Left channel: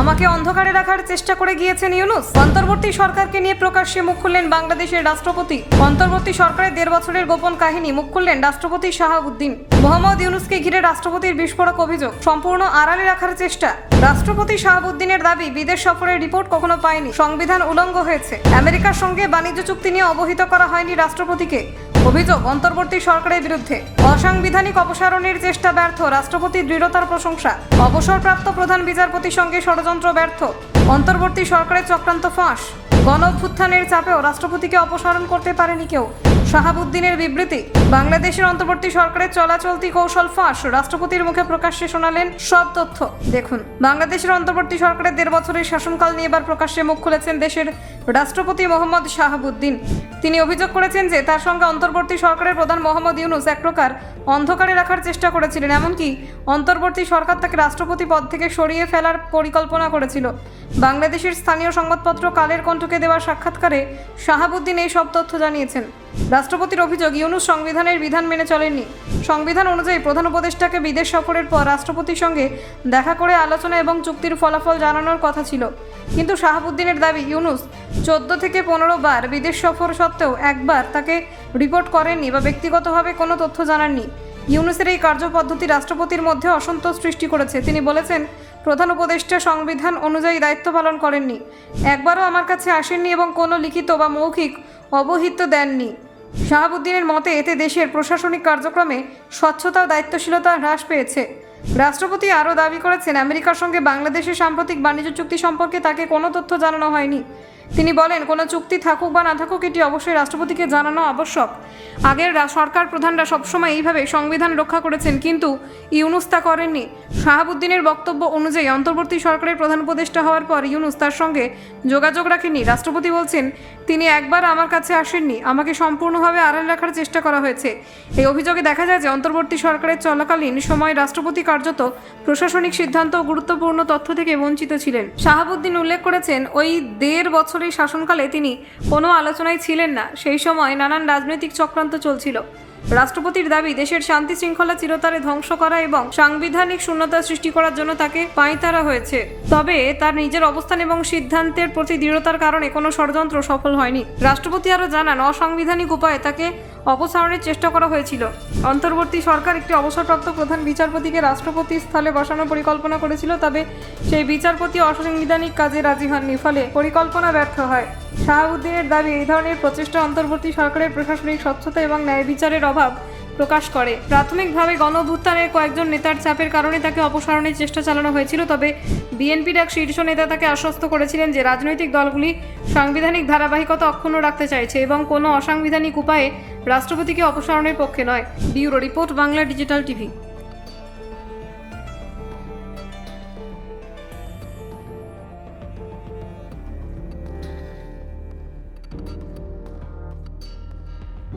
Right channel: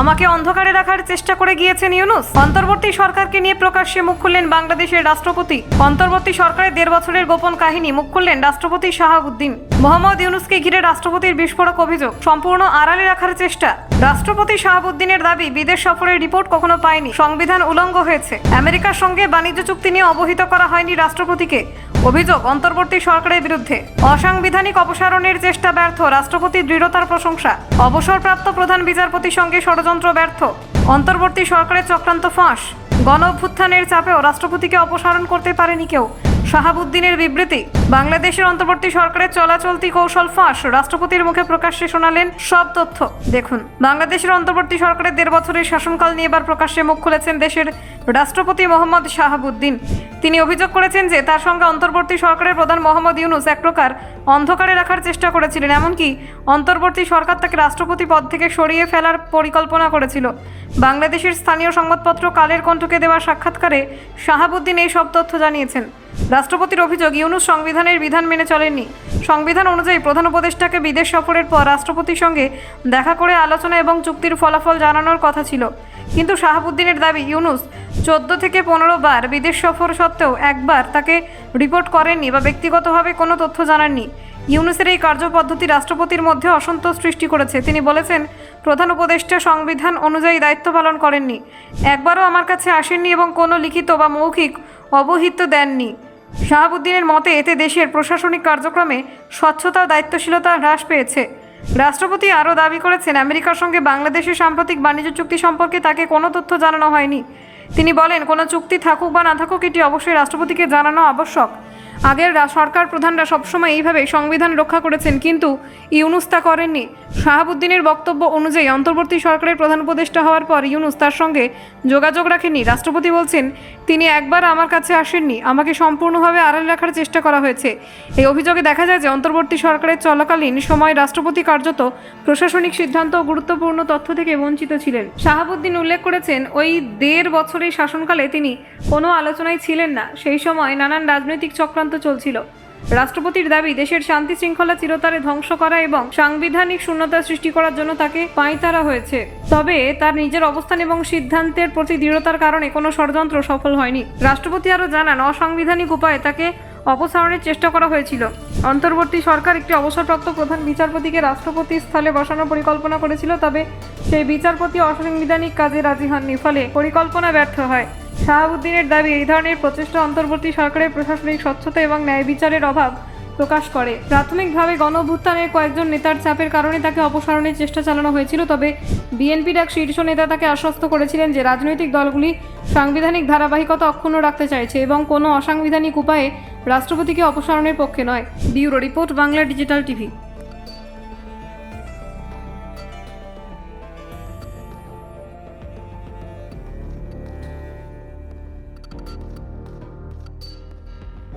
আমাকে অন্ধকারে রাখার চেষ্টা করে গিয়েছেন ইউনূস। অন্তর্বর্তী সরকারকে নিয়ে প্রকাশ্যে মুখ খুললেন বাংলাদেশের রাষ্ট্রপতি। অন্তর্বর্তী সরকারের 1.5 বছরের গোপন কাহিনী মুখ খুললেন রাষ্ট্রপতি শাহাবুদ্দিন। মোহাম্মদ ইউনূসকে ঘিরে রাষ্ট্রপতির বিস্ফোরক অভিযোগ, সম্পূর্ণ আড়ালে রাখার চেষ্টা। রাষ্ট্রপতি শাহাবুদ্দিনের দাবি, বিদেশ সফরের রিপোর্ট কখনো পায়নি, সংবিধান উলঙ্ঘ হয়েছে। আমেরিকার সঙ্গে বাণিজ্য চুক্তি নিয়ে অবহিত করা হয়নি রাষ্ট্রপতিকে। অভিযোগ অন্তর্বর্তী সরকারের বিরুদ্ধে। অসাংবিধানিক অপসারণের চেষ্টা ব্যর্থ, রাষ্ট্রপতির দৃঢ়তার প্রশংসা। অবসরপ্রাপ্ত প্রধান বিচারপতির সঙ্গে ষড়যন্ত্র ব্যর্থ, অন্তর্বর্তী সরকারের চক্রান্ত ফাঁস। গণ অভ্যুত্থানের চাপেও রাষ্ট্রপতিকে অপসারণ করতে পারেনি কেউ, শাহাবুদ্দিনের বিবৃতি। বাংলাদেশের অন্তর্বর্তী সরকারের চলাচলতি কৌশল ফাঁস, রাষ্ট্রপতির মুখে প্রকাশ্যে শোনালেন সব তথ্য। দেখুন, বাংলাদেশের অন্তর্বর্তী সরকারের 1.5 বছরের শাসনকাল নিয়ে এবার প্রকাশ্যে মুখ খুলেছেন দেশের রাষ্ট্রপতি মোহাম্মদ শাহাবুদ্দিন। তিনি অভিযোগ করেছেন যে তার সঙ্গে অন্তর্বর্তী সরকারের প্রধান মোহাম্মদ ইউনূস এক প্রকার অন্ধকারে রাখার চেষ্টা করেছিলেন। এমনকি অন্তর্বর্তী সরকার তাকে রাষ্ট্রপতি পদ থেকে সরিয়ে ফেলার পরিকল্পনা করেছিল। বাংলাদেশের স্থানীয় সংবাদপত্র কালের কণ্ঠকে দেওয়া সাক্ষাৎকারে শাহাবুদ্দিন এই সব তথ্য জানিয়েছেন। রাষ্ট্রপতির অভিযোগ, ইউনূস সংবিধানের বিধান মেনে চলেননি। সংবিধান অনুযায়ী প্রধান উপদেষ্টাকে বিদেশ সফরের পর রাষ্ট্রপতির সঙ্গে দেখা করে আলোচনা এবং চুক্তির ফলাফল জানানোর কথা ছিল। কিন্তু শাহাবুদ্দিনের দাবি, ইউনূস 14 থেকে 15 বার বিদেশ সফর সত্ত্বেও একবার তাকে রিপোর্ট করেননি বা ব্যক্তিগতভাবে কোনো তথ্য জানাননি। ইউনূসের এই কার্যপদ্ধতি রাষ্ট্রপতির মধ্যে অসন্তোষ সৃষ্টি করেছে। তিনি বলেছেন, প্রধান উপদেষ্টা সংবিধান অনুযায়ী দায়িত্ব পালন করেননি, একবারও আমার কাছে আসেননি এবং কোনো লিখিত বা মৌখিক অবহিত দেননি। শাহাবুদ্দিনের মতে এতে দেশের প্রশাসনিক কার্যক্রমে স্বচ্ছতা, দায়িত্বশীলতা হ্রাস পেয়েছে। রাষ্ট্রপতি আরও দাবি করেছেন, আমেরিকার সঙ্গে বাংলাদেশের সাম্প্রতিক বাণিজ্য চুক্তি সম্পর্কে তাকে কোনো তথ্য জানানো হয়নি। তিনি বলেন, কোনো চুক্তি থাকুক বা না থাকুক এটি অবশ্যই রাষ্ট্রপতিকে জানানো আবশ্যক। আগের সরকার প্রধানরা সবসময় এইভাবে সংবিধান রক্ষা করেছেন, কিন্তু ইউনূস তা করেননি। শাহাবুদ্দিনের বক্তব্য অনুযায়ী অন্তর্বর্তী সরকারের প্রধান উপদেষ্টা হওয়ার পর ইউনূস তার সঙ্গে যোগাযোগ রাখেননি। রাষ্ট্রপতি বলছেন, তিনি একবার আমার কাছে আসেননি, আমাকে সম্পূর্ণভাবে আড়াল রাখার চেষ্টা করা হয়েছে। এই অভিযোগে দেখা যায় যে অন্তর্বর্তী সরকারের চলাকালীন সময় রাষ্ট্রপতি কার্যত প্রশাসনিক সিদ্ধান্ত ও গুরুত্বপূর্ণ তথ্য থেকে বঞ্চিত ছিলেন। শাহাবুদ্দিন উল্লেখ করেছেন, ওই 1.5 বছরের শাসনকালে তিনি কোনো আলোচনায় ছিলেন না। সেই সময় নানান রাজনৈতিক চক্রান্ত চলছিল। রাষ্ট্রপতির দাবি, দেশের শান্তি শৃঙ্খলা চিরতরে ধ্বংস করা এবং সাংবিধানিক শূন্যতা সৃষ্টি করার জন্য তাকে পাঁয়তারা হয়েছে। তবে তার নিজের অবস্থান এবং সিদ্ধান্তের প্রতি দৃঢ়তার কারণে কোনো ষড়যন্ত্র সফল হয়নি। রাষ্ট্রপতি আরও জানান, অসাংবিধানিক উপায়ে তাকে অপসারণের চেষ্টা করা হয়েছিল। অন্তর্বর্তী সরকার একটি অবসরপ্রাপ্ত প্রধান বিচারপতিকে রাষ্ট্রপতি স্থলে বসানোর পরিকল্পনা করেছিল, তবে সেই বিচারপতি অসাংবিধানিক কাজে রাজি হননি, ফলে পরিকল্পনা ব্যর্থ হয়। শাহাবুদ্দিনের দাবি, এই ধরনের প্রচেষ্টা অন্তর্বর্তী সরকারের প্রশাসনিক স্বচ্ছতা এবং ন্যায় বিচারের অভাব প্রকাশ করে। প্রাথমিকভাবে গণ অভ্যুত্থানের কয়েকজন নেতার চাপের কারণে তাকে অপসারণের চেষ্টা চালানো হয়েছিল, তবে বিএনপির এক শীর্ষ নেতা তাকে আশ্বস্ত করেছিলেন যে রাজনৈতিক দলগুলি সাংবিধানিক ধারাবাহিকতা অক্ষুণ্ণ রাখতে চাইছে এবং কোনো অসাংবিধানিক উপায়ে রাষ্ট্রপতিকে অপসারণের পক্ষে নয়। Bureau report, Bangla digital TV.